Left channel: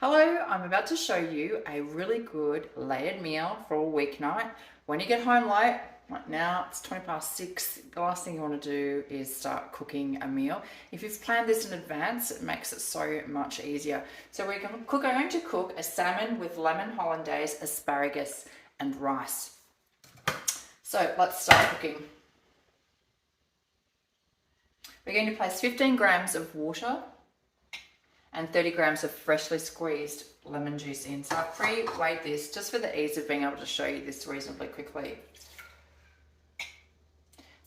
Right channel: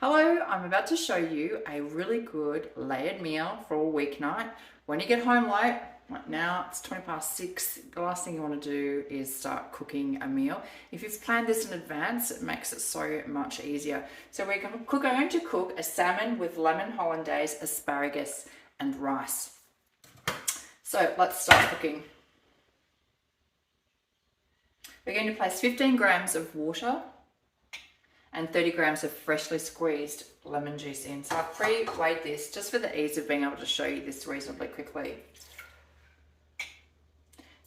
Hello, I'm about to show you a really good layered meal for a weeknight. When you get home late, like now it's 6:20, the last thing you want to do is start cooking a meal. If you've planned this in advance, it makes it so much easier. So we're going to cook a salmon with lemon hollandaise, asparagus and rice. So let's start cooking. We're going to place 15 grams of water and 30 grams of freshly squeezed lemon juice in. So I've pre-weighed this just for the ease of being able to show you this reasonably quickly.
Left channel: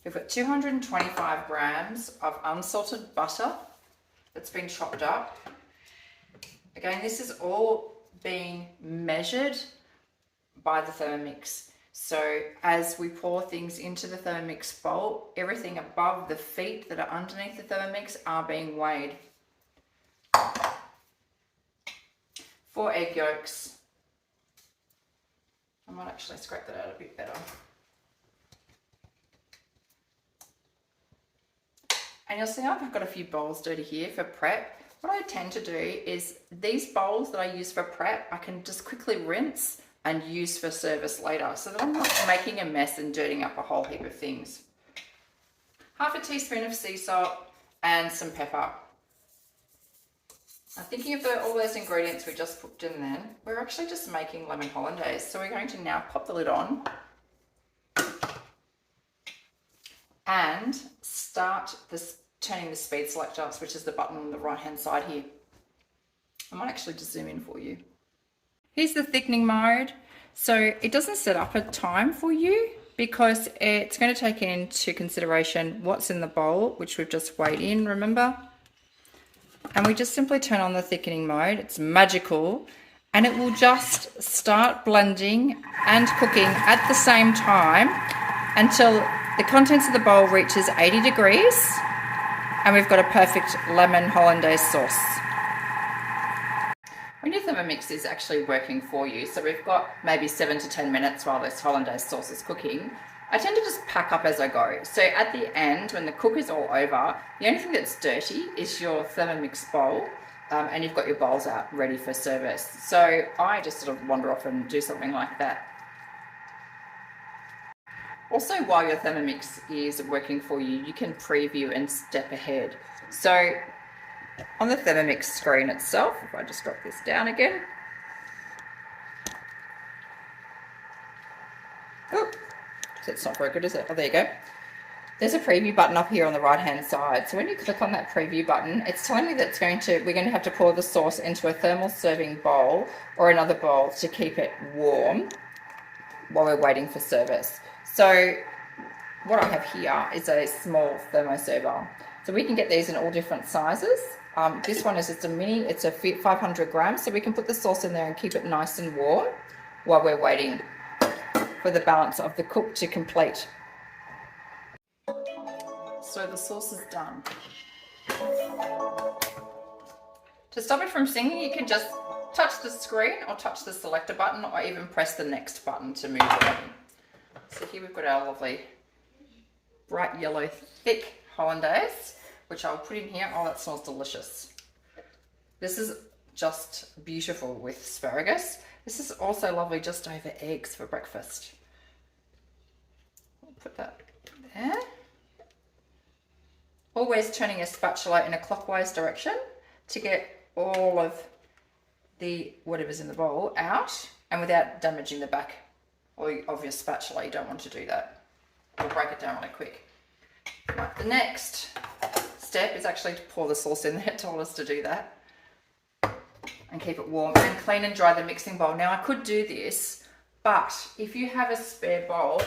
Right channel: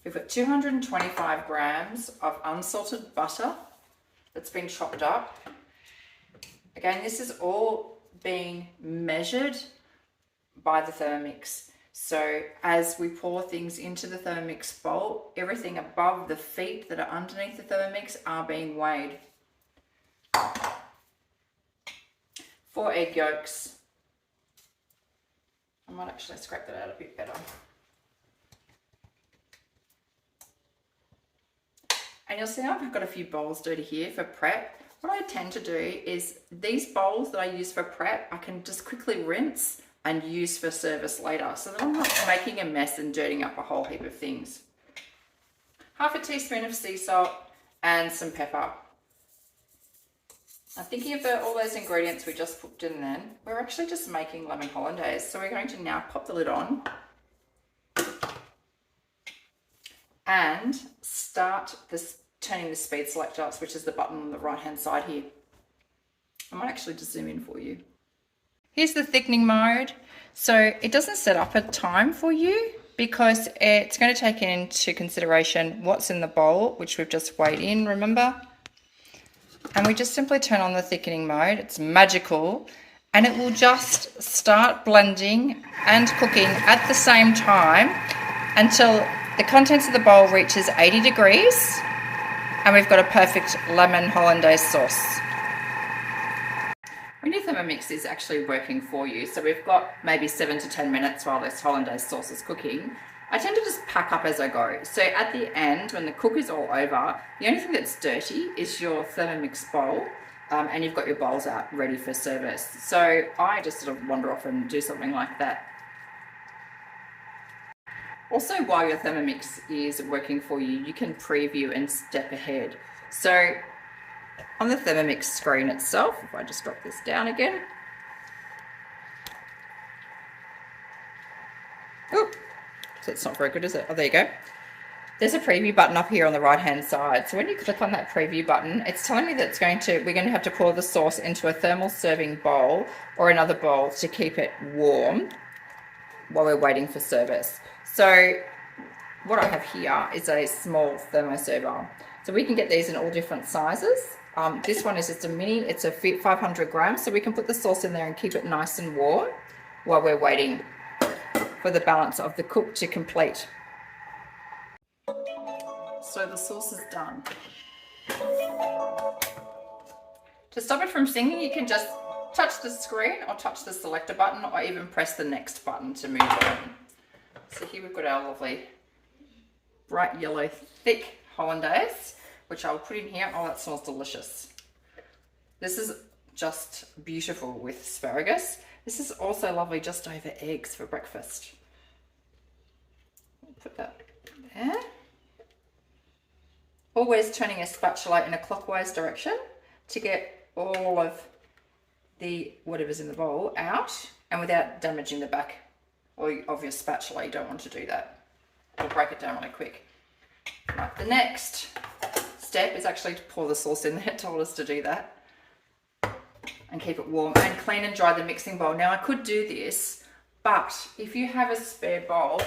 We've got 225 grams of unsalted butter that's been chopped up. Again, this is all being measured by the Thermomix. So as we pour things into the Thermomix bowl, everything above the feet that are underneath the Thermomix are being weighed. 4 egg yolks. I might actually scrape that out a bit better. And you'll see I've got a few bowls dirty here for prep. What I tend to do is these bowls that I use for prep, I can just quickly rinse and use for service later so that I'm not making a mess and dirtying up a whole heap of things. Half a teaspoon of sea salt and some pepper. Now thinking about all those ingredients we just put in then, we're actually just making lemon hollandaise. So we're going to now pop the lid on and start turning the speed selector, which is the button on the right hand side here. I might actually just zoom in for you. Here's the thickening mode. So it doesn't set up a time for you because it's going to take into consideration what's in the bowl, which we've just weighed in, remember? And we just simply turn on the thickening mode. It's magical, and it will just start blending and cooking at the same time until the contents of the bowl reaches 80 degrees and we've got a perfect lemon hollandaise sauce. When your Thermomix is actually working for you, so we've got maybe 7 to 10 minutes while this hollandaise sauce is cooking, I tend to just pack up as I go. So at the end, when the cook is all over, the only thing that's dirty is your Thermomix bowl, and you've got your bowls out ready for service. So I just sort of wander off and do something like that. Also, while your Thermomix is working for you, you can preview and step ahead. So on the Thermomix screen itself, if I just drop this down again. Oop. So it's not very good, is it? Oh, there you go. There's a preview button up here on the right hand side. So when you click on that preview button, it's telling me that we're going to have to pour the sauce into a thermal serving bowl or another bowl to keep it warm while we're waiting for service. So what I have here is a small thermoserver. So we can get these in all different sizes. This one is just a mini, it's a 500 grams. So we can put the sauce in there and keep it nice and warm while we're waiting for the balance of the cook to complete. So the sauce is done. To stop it from singing, you can just touch the screen or touch the selector button or even press the next button to move on. So here we've got our lovely bright yellow thick hollandaise, which I'll put in here. Oh, that smells delicious. This is just beautiful with asparagus. This is also lovely just over eggs for breakfast. I'll put that there. Always turning a spatula in a clockwise direction to get all of the whatever's in the bowl out and without damaging the back of your spatula. You don't want to do that. It'll break it down really quick. Right, the next step is actually to pour the sauce in. It told us to do that. And keep it warm and clean and dry the mixing bowl. Now I could do this, but if you have a spare bowl,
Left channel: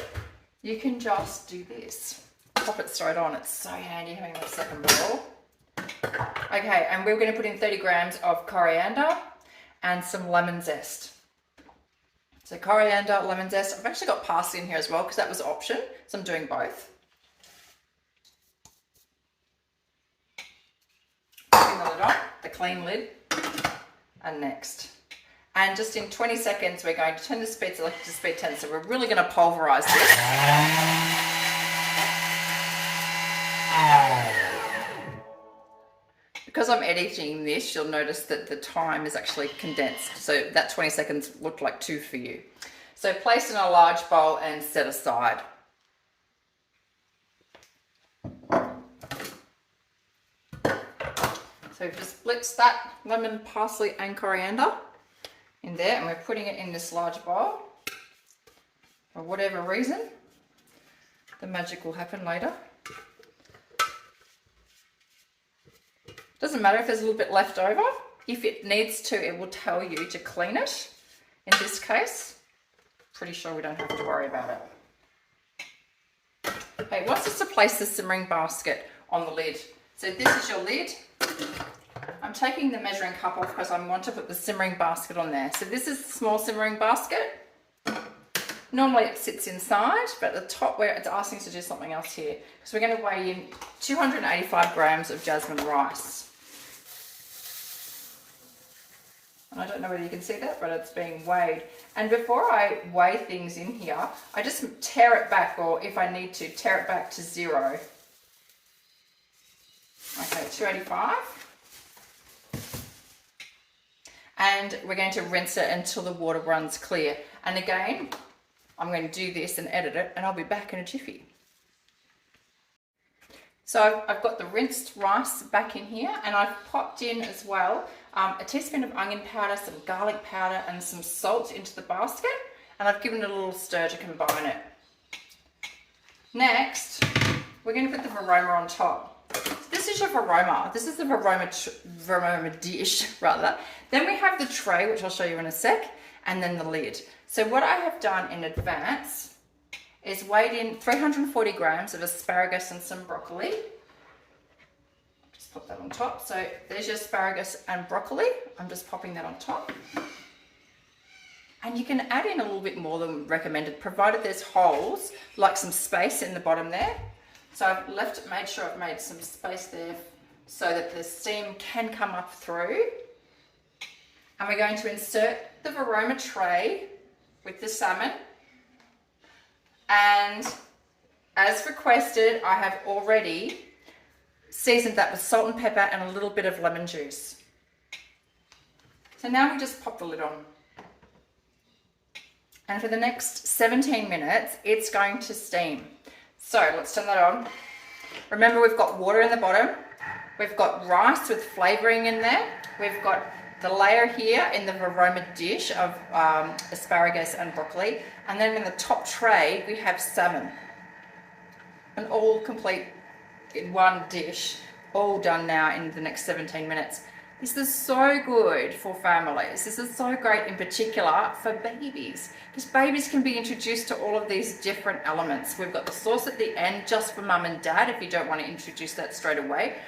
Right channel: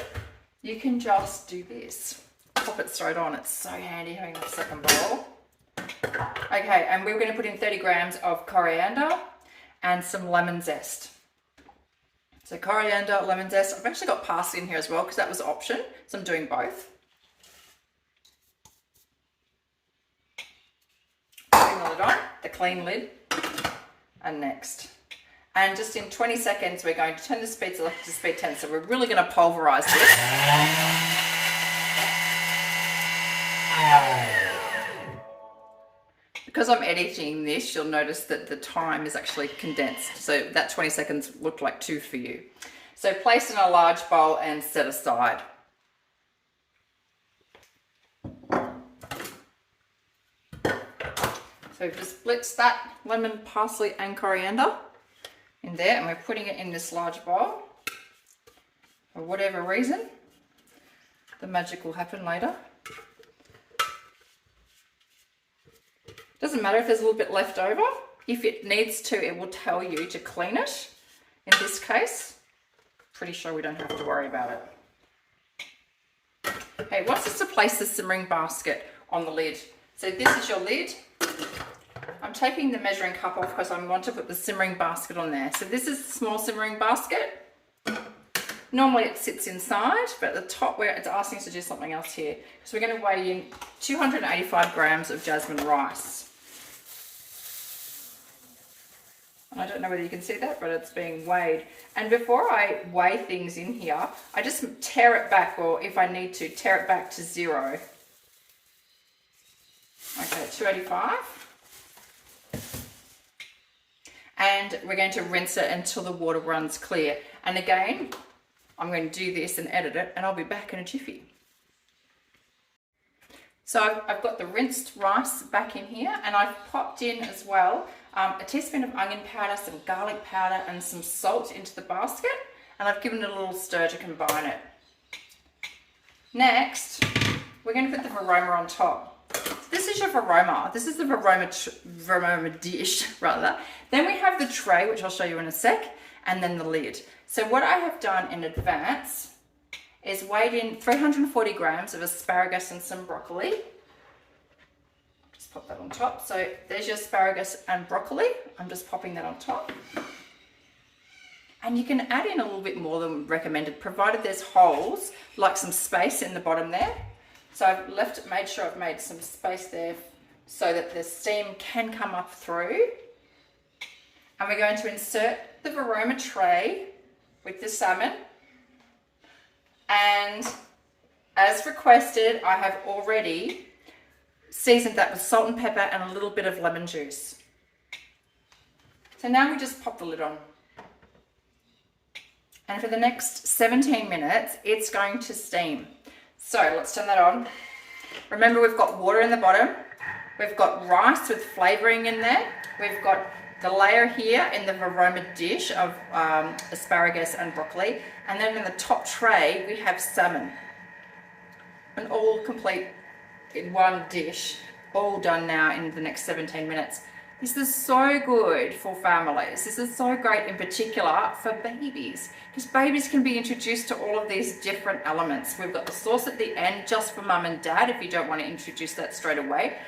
you can just do this. Pop it straight on. It's so handy having that second bowl. Okay, and we're going to put in 30 grams of coriander and some lemon zest. So coriander, lemon zest. I've actually got parsley in here as well because that was an option. So I'm doing both. Putting the lid on, the clean lid. And next. And just in 20 seconds, we're going to turn the speed selector to speed 10. So we're really going to pulverize this. Because I'm editing this, you'll notice that the time is actually condensed. So that 20 seconds looked like 2 for you. So place in a large bowl and set aside. So just blitz that lemon, parsley and coriander in there, and we're putting it in this large bowl. For whatever reason, the magic will happen later. Doesn't matter if there's a little bit left over. If it needs to, it will tell you to clean it. In this case, pretty sure we don't have to worry about it. Okay, wants us to place the simmering basket on the lid. So this is your lid. I'm taking the measuring cup off because I want to put the simmering basket on there. So this is the small simmering basket. Normally it sits inside, but at the top where it's asking us to do something else here. So we're going to weigh in 285 grams of jasmine rice. I don't know whether you can see that, but it's being weighed. And before I weigh things in here, I just tear it back, or if I need to, tear it back to 0. Okay, 285. And we're going to rinse it until the water runs clear. And again, I'm going to do this and edit it, and I'll be back in a jiffy. So I've got the rinsed rice back in here, and I've popped in as well a teaspoon of onion powder, some garlic powder and some salt into the basket, and I've given it a little stir to combine it. Next, we're going to put the varoma on top. So this is your varoma. This is the varoma dish rather. Then we have the tray, which I'll show you in a sec, and then the lid. So what I have done in advance is weighed in 340 grams of asparagus and some broccoli. Just pop that on top. So there's your asparagus and broccoli. I'm just popping that on top. And you can add in a little bit more than recommended, provided there's holes, like some space in the bottom there. So I've made sure I've made some space there so that the steam can come up through. And we're going to insert the varoma tray with the salmon. And as requested, I have already seasoned that with salt and pepper and a little bit of lemon juice. So now we just pop the lid on. And for the next 17 minutes, it's going to steam. So let's turn that on. Remember, we've got water in the bottom. We've got rice with flavouring in there. We've got the layer here in the varoma dish of asparagus and broccoli. And then in the top tray, we have salmon. And all complete in one dish, all done now in the next 17 minutes. This is so good for families. This is so great in particular for babies, because babies can be introduced to all of these different elements. We've got the sauce at the end just for mum and dad if you don't want to introduce that straight away.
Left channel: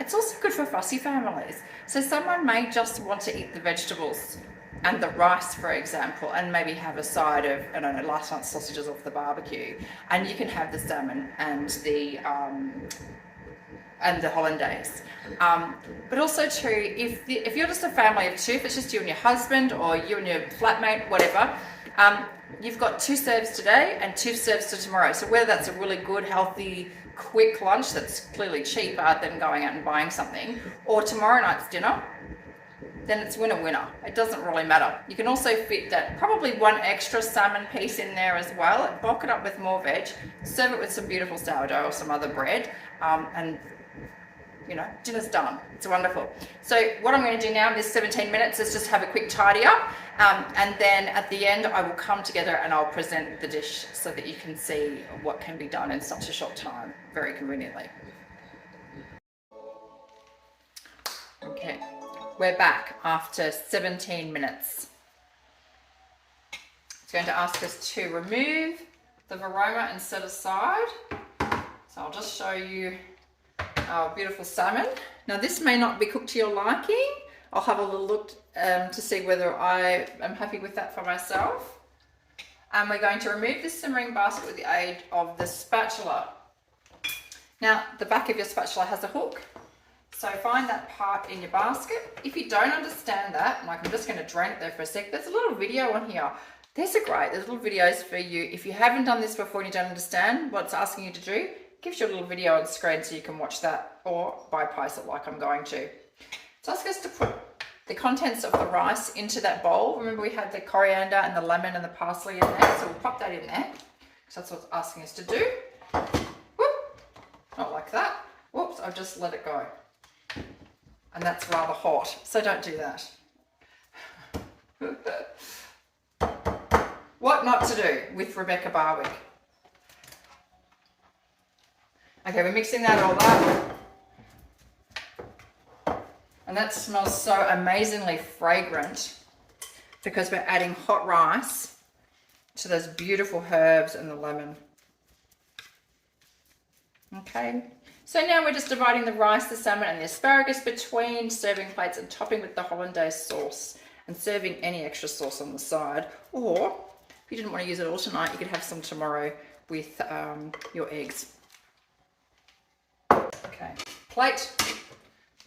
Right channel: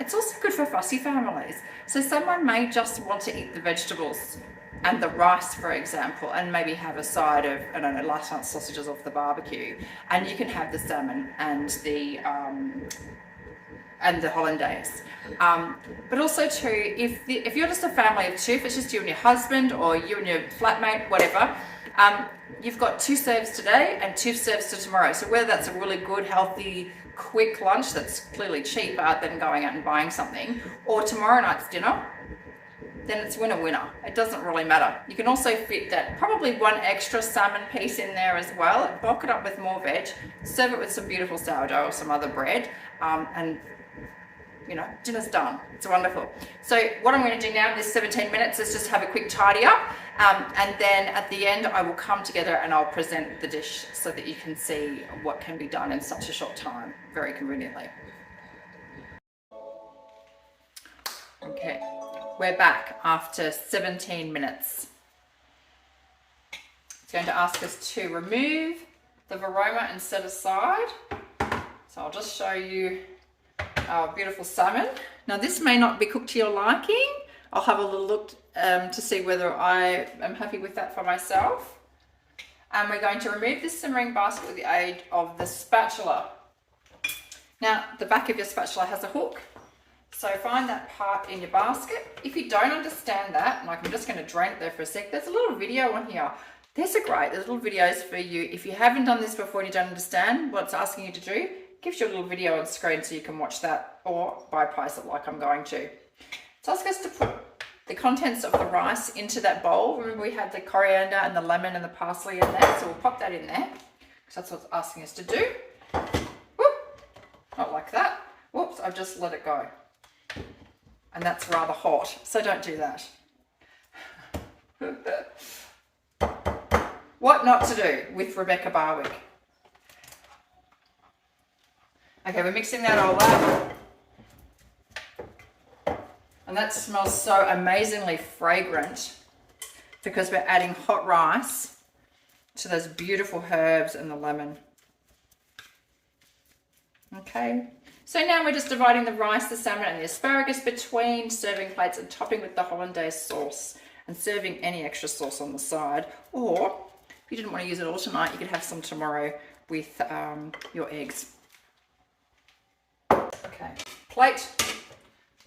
It's also good for fussy families. So someone may just want to eat the vegetables and the rice, for example, and maybe have a side of, I don't know, last night's sausages off the barbecue. And you can have the salmon and the hollandaise. But also too, if you're just a family of 2, if it's just you and your husband or you and your flatmate, whatever, you've got 2 serves today and 2 serves to tomorrow. So whether that's a really good, healthy, quick lunch that's clearly cheaper than going out and buying something, or tomorrow night's dinner, then it's winner. It doesn't really matter. You can also fit that, probably 1 extra salmon piece in there as well, bulk it up with more veg, serve it with some beautiful sourdough or some other bread, and you know, dinner's done. It's wonderful. So what I'm going to do now in this 17 minutes is just have a quick tidy up, and then at the end I will come together and I'll present the dish so that you can see what can be done in such a short time, very conveniently. Okay, we're back after 17 minutes. It's going to ask us to remove the varoma and set aside. So I'll just show you our beautiful salmon. Now this may not be cooked to your liking. I'll have a little look to see whether I am happy with that for myself. And we're going to remove this simmering basket with the aid of the spatula. Now the back of your spatula has a hook, so find that part in your basket. If you don't understand that, like I'm just going to drain it there for a sec, there's a little video on here. There's little videos for you. If you haven't done this before and you don't understand what it's asking you to do, gives you a little video on screen so you can watch that or bypass it like I'm going to. So I was going to put the contents of the rice into that bowl. Remember we had the coriander and the lemon and the parsley in there, so we'll pop that in there because that's what it's asking us to do. Whoop. Not like that. Whoops, I've just let it go. And that's rather hot, so don't do that. What not to do with Rebecca Barwick. Okay, we're mixing that all up. And that smells so amazingly fragrant because we're adding hot rice to those beautiful herbs and the lemon. Okay, so now we're just dividing the rice, the salmon and the asparagus between serving plates and topping with the hollandaise sauce and serving any extra sauce on the side. Or if you didn't want to use it all tonight, you could have some tomorrow with your eggs. Okay, plate.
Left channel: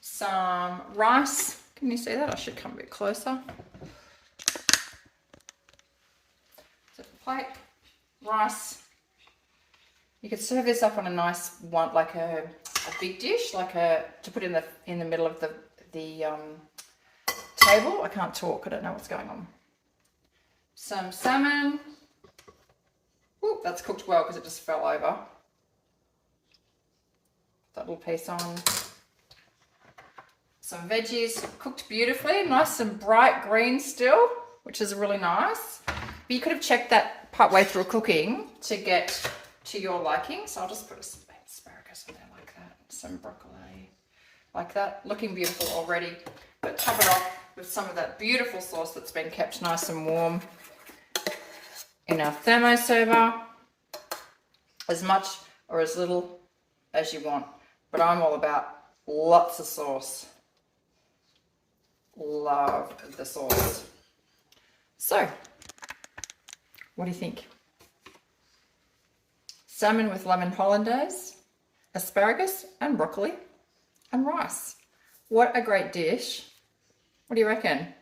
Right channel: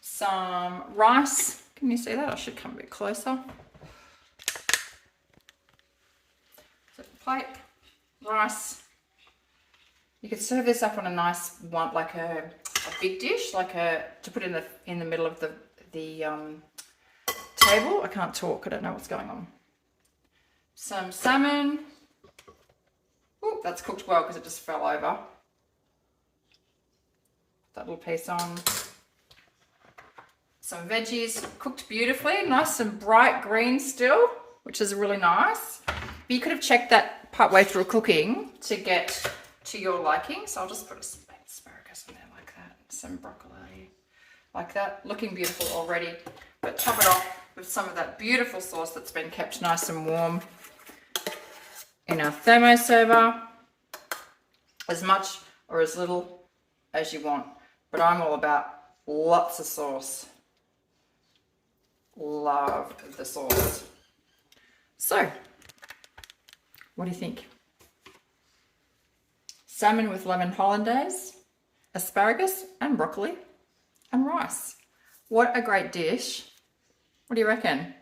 Some rice. Can you see that? I should come a bit closer. So plate, rice. You could serve this up on a nice one, like a big dish, like to put in the middle of the table. I can't talk. I don't know what's going on. Some salmon. Ooh, that's cooked well because it just fell over. That little piece on. Some veggies cooked beautifully, nice and bright green still, which is really nice. But you could have checked that partway through cooking to get to your liking. So I'll just put some asparagus in there like that, some broccoli like that, looking beautiful already. But top it off with some of that beautiful sauce that's been kept nice and warm in our thermo server, as much or as little as you want. But I'm all about lots of sauce. Love the sauce. So, what do you think? Salmon with lemon hollandaise, asparagus and broccoli and rice. What a great dish. What do you reckon?